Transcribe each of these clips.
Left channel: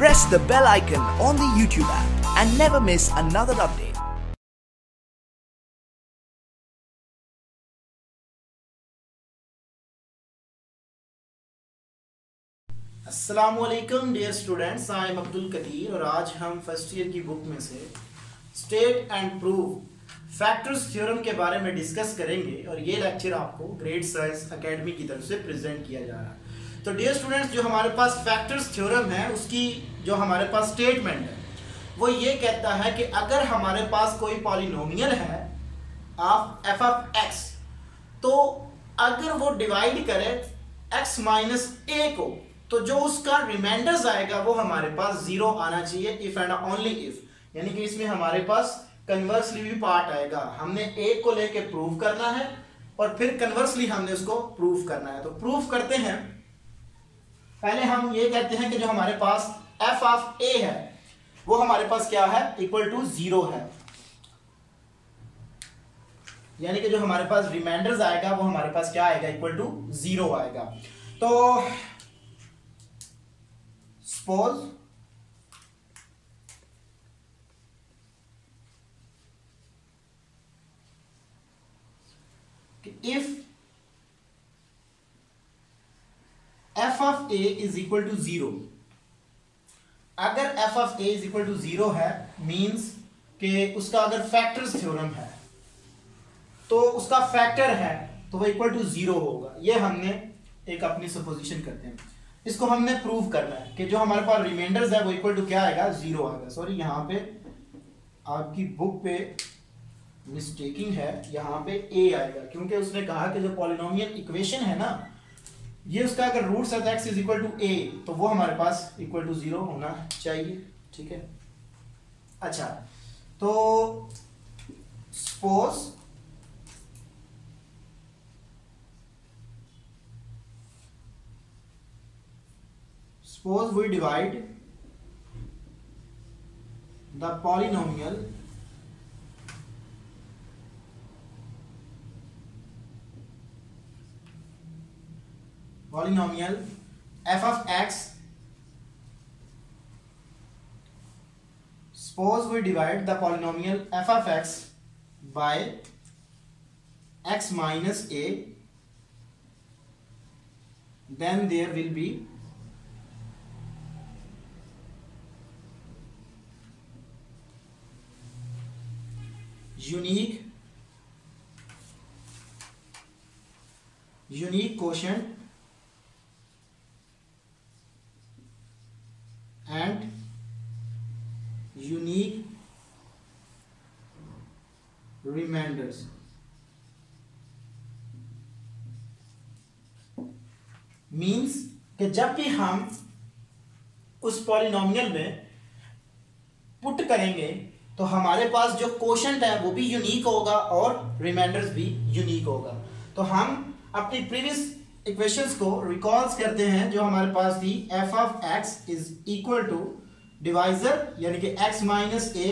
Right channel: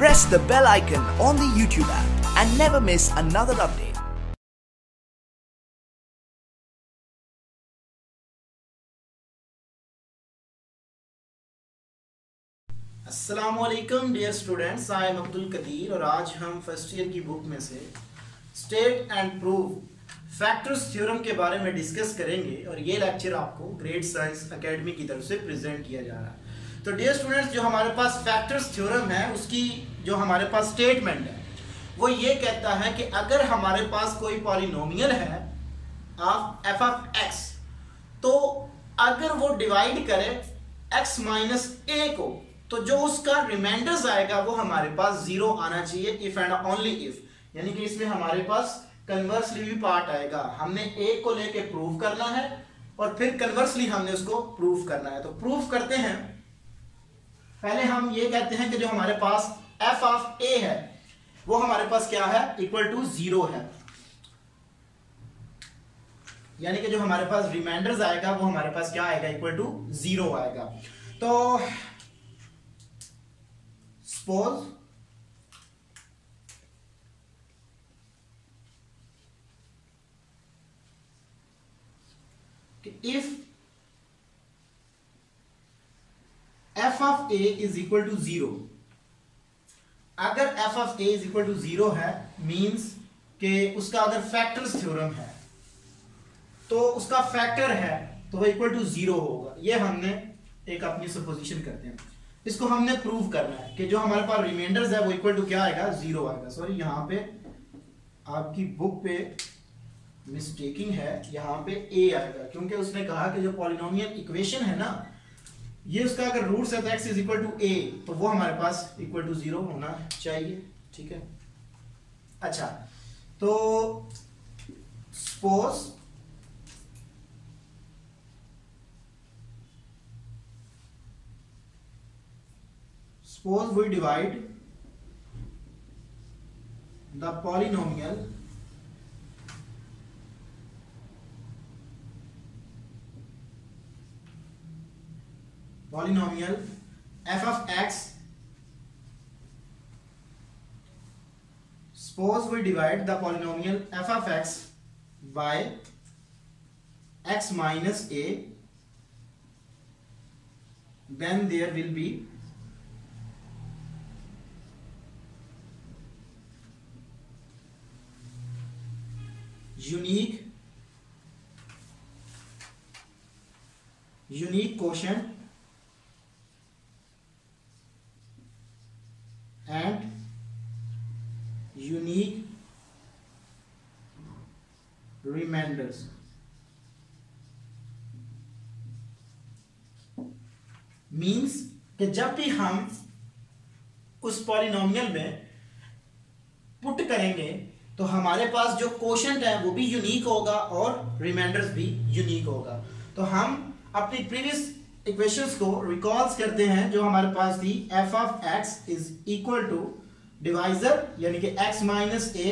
Press the bell icon on the YouTube app and never miss another update. अस्सलामुअलैकुम dear students, I am Abdul Qadir और आज हम first year की book में से state and prove factors theorem के बारे में डिस्कस करेंगे और ये लेक्चर आपको ग्रेड साइंस एकेडमी की तरफ से प्रेजेंट किया जा रहा है। तो डियर स्टूडेंट्स, जो हमारे पास फैक्टर्स थ्योरम है उसकी जो हमारे पास स्टेटमेंट है वो ये कहता है कि अगर हमारे पास कोई पॉलिनोमियल है ऑफ एफ ऑफ एक्स, तो अगर वो डिवाइड करे x माइनस ए को, तो जो उसका रिमाइंडर्स आएगा वो हमारे पास जीरो आना चाहिए, इफ एंड ओनली इफ। यानी कि इसमें हमारे पास कन्वर्सली भी पार्ट आएगा। हमने ए को लेके प्रूव करना है और फिर कन्वर्सली हमने उसको प्रूव करना है। तो प्रूव करते हैं। पहले हम ये कहते हैं कि जो हमारे पास एफ ऑफ ए है वो हमारे पास क्या है, इक्वल टू जीरो है। यानी कि जो हमारे पास रिमाइंडर्स आएगा वो हमारे पास क्या आएगा, इक्वल टू जीरो आएगा। तो suppose if f of a is equal to zero, अगर f of a is equal to zero है मींस कि उसका अगर फैक्टर्स थ्योरम है तो उसका फैक्टर है तो वो इक्वल टू जीरो होगा। ये हमने एक अपनी सपोजिशन करते हैं, इसको हमने प्रूव करना है कि जो हमारे पास रिमाइंडर्स है वो इक्वल टू क्या आएगा, जीरो आएगा। सॉरी, यहाँ पे आपकी बुक पे मिस्टेकिंग है, यहाँ पे ए आएगा क्योंकि उसने कहा कि जो पॉलिनोमियल इक्वेशन है ना, ये उसका अगर रूट्स है x इज इक्वल टू ए, तो वो हमारे पास इक्वल टू जीरो होना चाहिए। ठीक है, अच्छा, तो suppose we divide the polynomial f of x. Suppose we divide the polynomial f of x by x minus a, then there will be unique quotient and unique remainders। Means कि जब भी हम उस पॉलिनोमियल में put करेंगे तो हमारे पास जो कोशेंट है वो भी यूनिक होगा और रिमाइंडर्स भी यूनिक होगा। तो हम अपनी प्रीवियस इक्वेशंस को रिकॉल्स करते हैं जो हमारे पास थी, f of x is equal to divisor यानी कि x minus a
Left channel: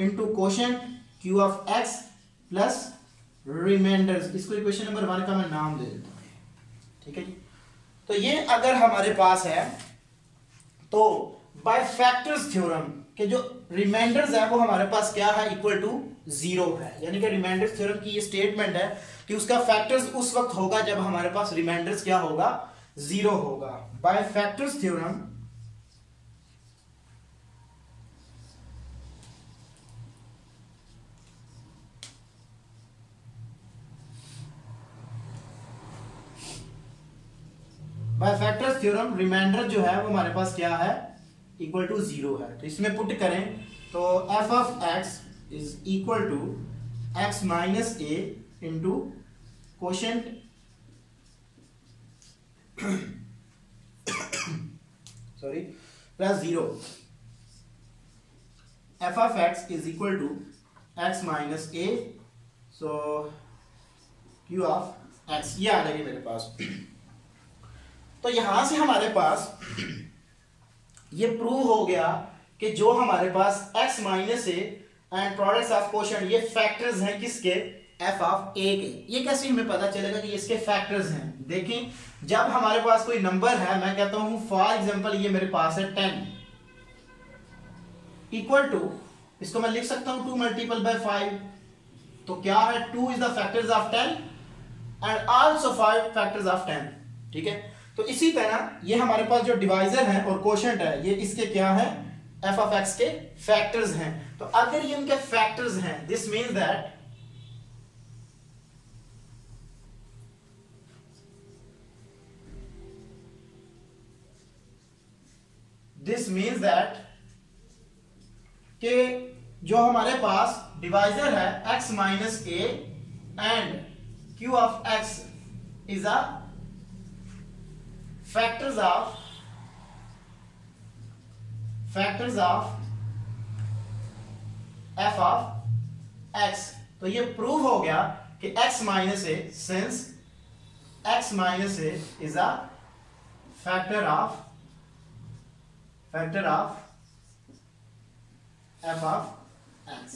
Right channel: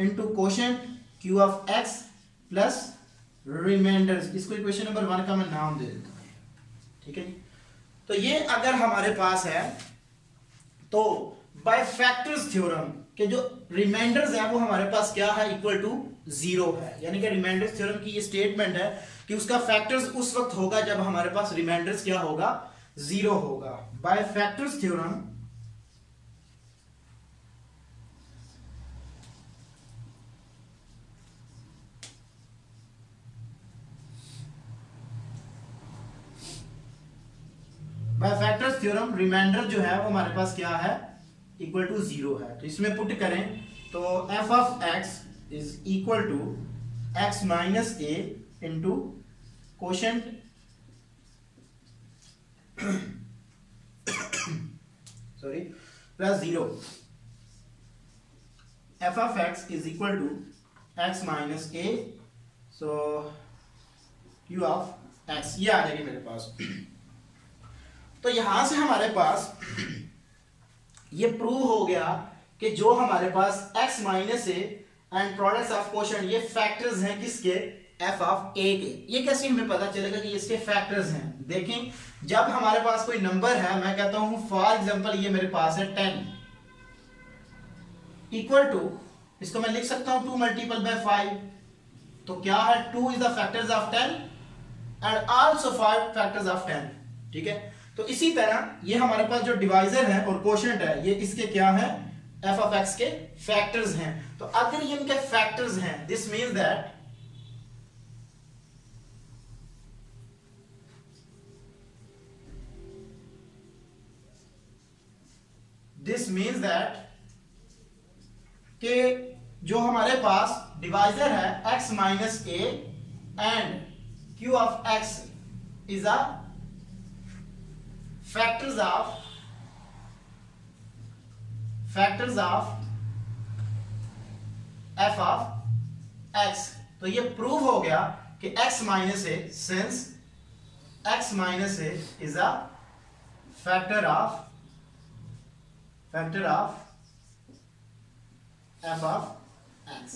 into quotient q of x plus remainders. इसको इक्वेशन नंबर 1 का मैं नाम दे देता हूं। ठीक है जी, तो ये अगर हमारे पास है तो बाय फैक्टर्स थ्योरम के जो रिमाइंडर्स है वो हमारे पास क्या है, इक्वल टू जीरो है। यानी कि रिमाइंडर्स थ्योरम की ये स्टेटमेंट है कि उसका फैक्टर्स उस वक्त होगा जब हमारे पास रिमाइंडर्स क्या होगा, जीरो होगा। बाय फैक्टर्स थ्योरम रिमाइंडर जो है वो हमारे पास क्या है, इक्वल टू जीरो है। तो इसमें पुट करें तो f of x is equal to x minus a into quotient sorry plus zero. F of x is equal to x minus a, so q of x ये आ जाएगी मेरे पास। तो यहां से हमारे पास ये प्रूव हो गया कि जो हमारे पास x minus A and products of quotient ये फैक्टर्स हैं किसके, एफ ऑफ ए के। ये कैसे हमें पता चलेगा कि इसके फैक्टर्स हैं? देखें, जब हमारे पास कोई नंबर है, मैं कहता हूं फॉर एग्जांपल ये मेरे पास है 10, इक्वल टू, इसको मैं लिख सकता हूं 2 मल्टीपल बाय 5, तो क्या है 2 is the factors of 10 and also 5 factors of 10। ठीक है, तो इसी तरह ये हमारे पास जो डिवाइजर है और कोशेंट है ये इसके क्या है, एफ ऑफ एक्स के फैक्टर्स हैं। तो अगर ये इनके फैक्टर्स हैं, दिस मीन्स दैट कि जो हमारे पास डिवाइजर है x minus A and q of x is a factors of f of x। तो ये प्रूव हो गया कि x minus A, since x minus a is a factor of f of x।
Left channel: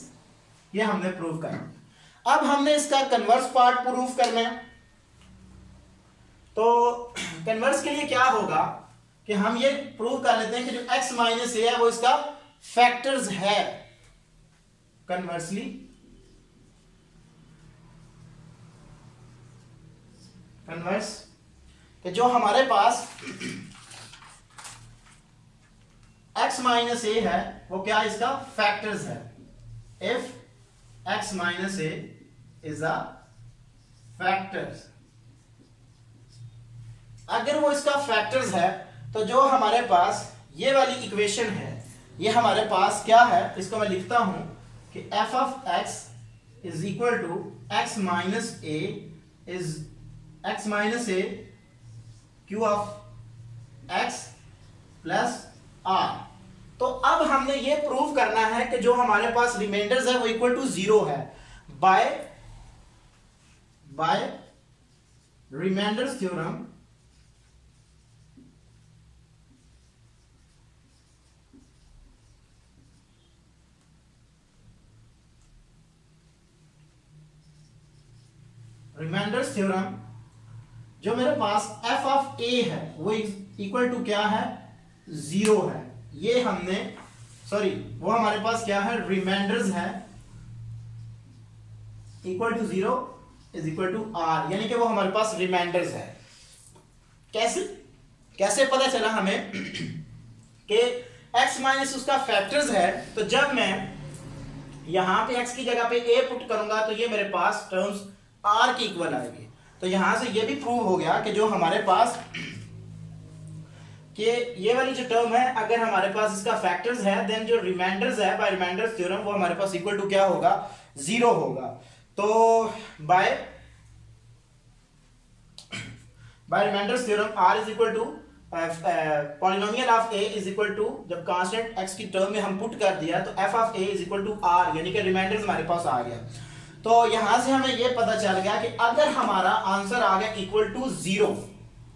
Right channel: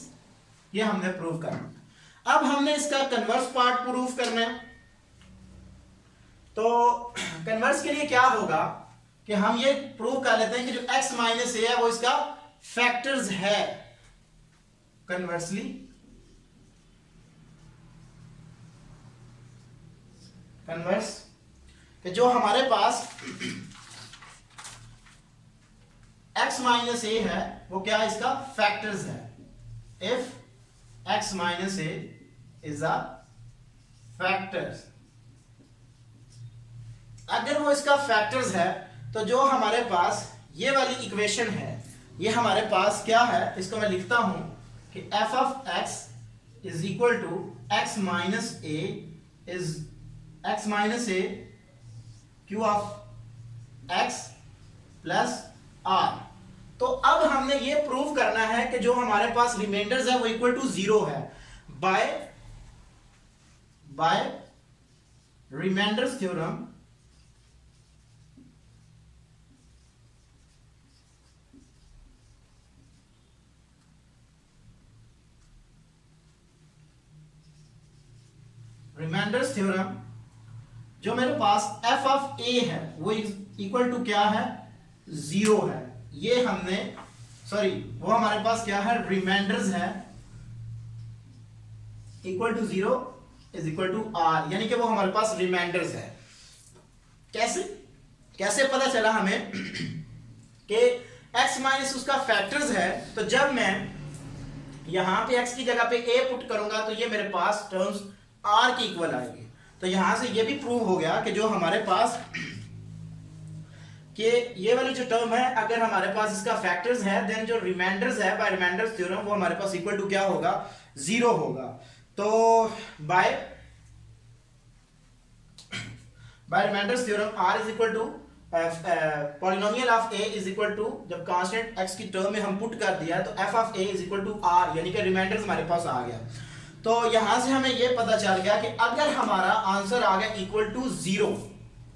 ये हमने प्रूव करना। अब हमने इसका कन्वर्स पार्ट प्रूव करना है। तो कन्वर्स के लिए क्या होगा कि हम ये प्रूव कर लेते हैं कि जो x माइनस ए है वो इसका फैक्टर्स है। कन्वर्सली कन्वर्स कि जो हमारे पास x माइनस ए है वो क्या इसका फैक्टर्स है। If x minus a is a factors, अगर वो इसका फैक्टर्स है तो जो हमारे पास ये वाली इक्वेशन है ये हमारे पास क्या है, इसको मैं लिखता हूं कि f of x is equal to x minus a is x minus a q of x plus r। तो अब हमने ये प्रूव करना है कि जो हमारे पास रिमाइंडर्स है वो इक्वल टू 0 है by remainders theorem. Remainders theorem जो मेरे पास f ऑफ a है वो इक्वल टू क्या है, 0 है। ये हमने वो हमारे पास क्या है, रिमाइंडर्स है equal to 0 is equal to r, यानी कि वो हमारे पास रिमाइंडर्स है। कैसे पता चला हमें कि x माइनस उसका फैक्टर्स है। तो जब मैं यहां पे x की जगह पे a पुट करूंगा तो ये मेरे पास टर्म्स r की इक्वल आएगी। तो यहां से ये भी प्रूव हो गया कि जो हमारे पास कि ये वाली जो टर्म है अगर हमारे पास इसका फैक्टर्स है देन जो रिमाइंडर्स है बाय रिमाइंडर्स थ्योरम वो हमारे पास इक्वल टू क्या होगा, 0 होगा। तो by remainders theorem r is equal to polynomial of a is equal to, जब कांस्टेंट x की टर्म में हम पुट कर दिया तो f of a is equal to r, यानी कि रिमाइंडर्स हमारे पास आ गया। तो यहां से हमें यह पता चल गया कि अगर हमारा आंसर आ गया इक्वल टू 0,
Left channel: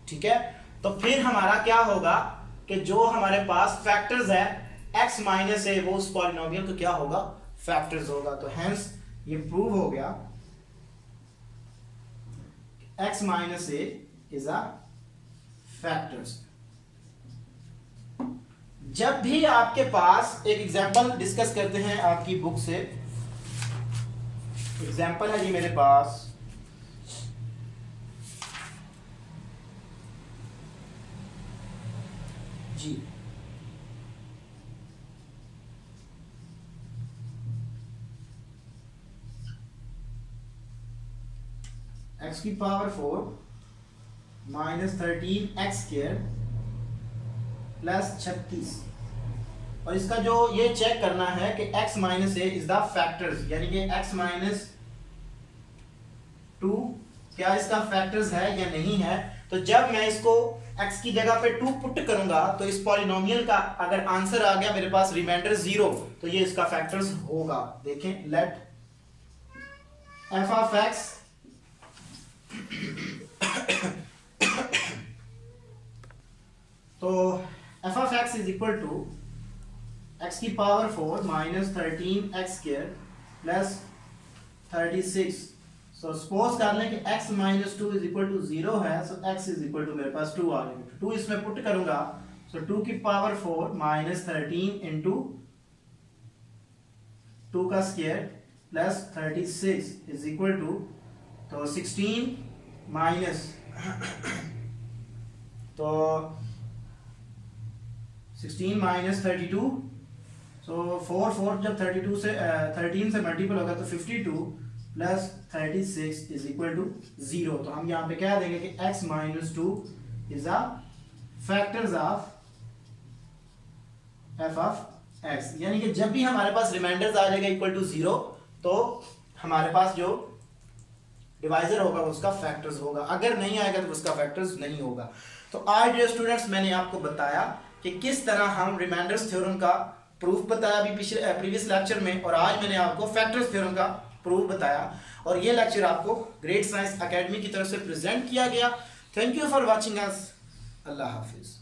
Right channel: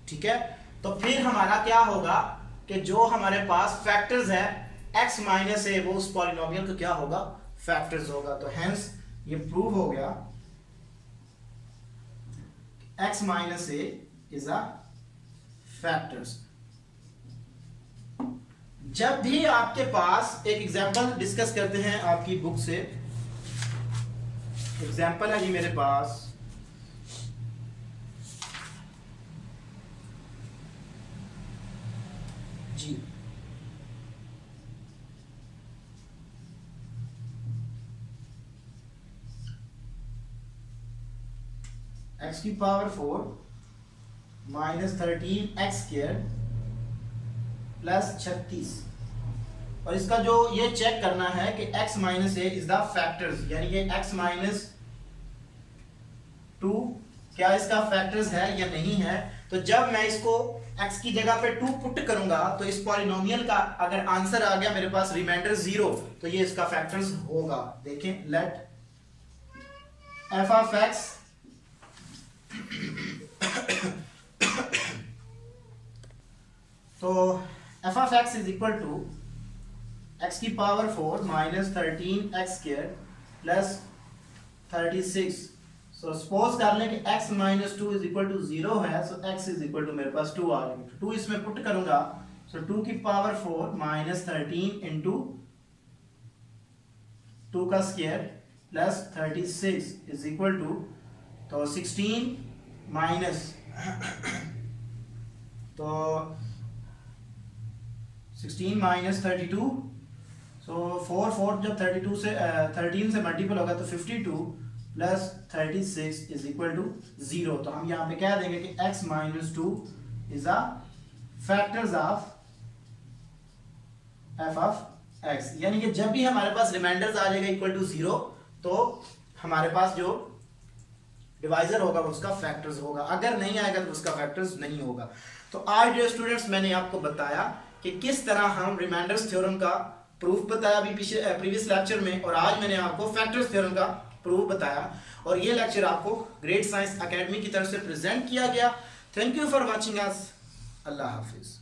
ठीक है, तो फिर हमारा क्या होगा कि जो हमारे पास फैक्टर्स है x माइनस ए वो उस पॉलिनोमियल का क्या होगा, फैक्टर्स होगा। तो हेंस ये प्रूव हो गया x minus a is a factors. जब भी आपके पास एक एग्जांपल डिस्कस करते हैं आपकी बुक से, एग्जांपल है ये मेरे पास, जी x की power 4 minus 13x square plus 36, और इसका जो ये चेक करना है कि x minus a is the factors, यानी कि x माइनस 2 क्या इसका फैक्टर्स है या नहीं है। तो जब मैं इसको x की जगह पे 2 पुट करूंगा तो इस पॉलिनोमियल का अगर आंसर आ गया मेरे पास रिमाइंडर 0 तो ये इसका फैक्टर्स होगा। देखें, लेट f ऑफ x तो f of x is equal to x की power 4 minus 13x square plus 36। So suppose कर लें कि x minus 2 is equal to 0 है, so x is equal to मेरे पास 2 आ जाएगा। 2 इसमें पुट करूंगा, सो 2 की पावर 4 माइनस 13 इंटू 2 का square plus 36 is equal to, तो 16 माइनस तो 16 माइनस 32, सो 4 जब 32 से 13 से मल्टीपल होगा तो 52 प्लस 36 इज इक्वल टू 0। तो हम यहाँ पे क्या देंगे कि x minus 2 is a factors of f of x, यानी कि जब भी हमारे पास रिमाइंडर्स आ जाएगा इक्वल टू 0 तो हमारे पास जो डिवाइजर होगा उसका फैक्टर्स होगा, अगर नहीं आएगा तो उसका फैक्टर्स नहीं होगा। तो आज डियर स्टूडेंट्स मैंने आपको बताया कि किस तरह हम रिमाइंडर्स थ्योरम का प्रूफ बताया अभी प्रीवियस लेक्चर में, और आज मैंने आपको फैक्टर्स थ्योरम का प्रूफ बताया, और ये लेक्चर आपको ग्रेट साइंस एकेडमी की तरफ से प्रेजेंट किया गया। Thank you for watching us. Allah Hafiz.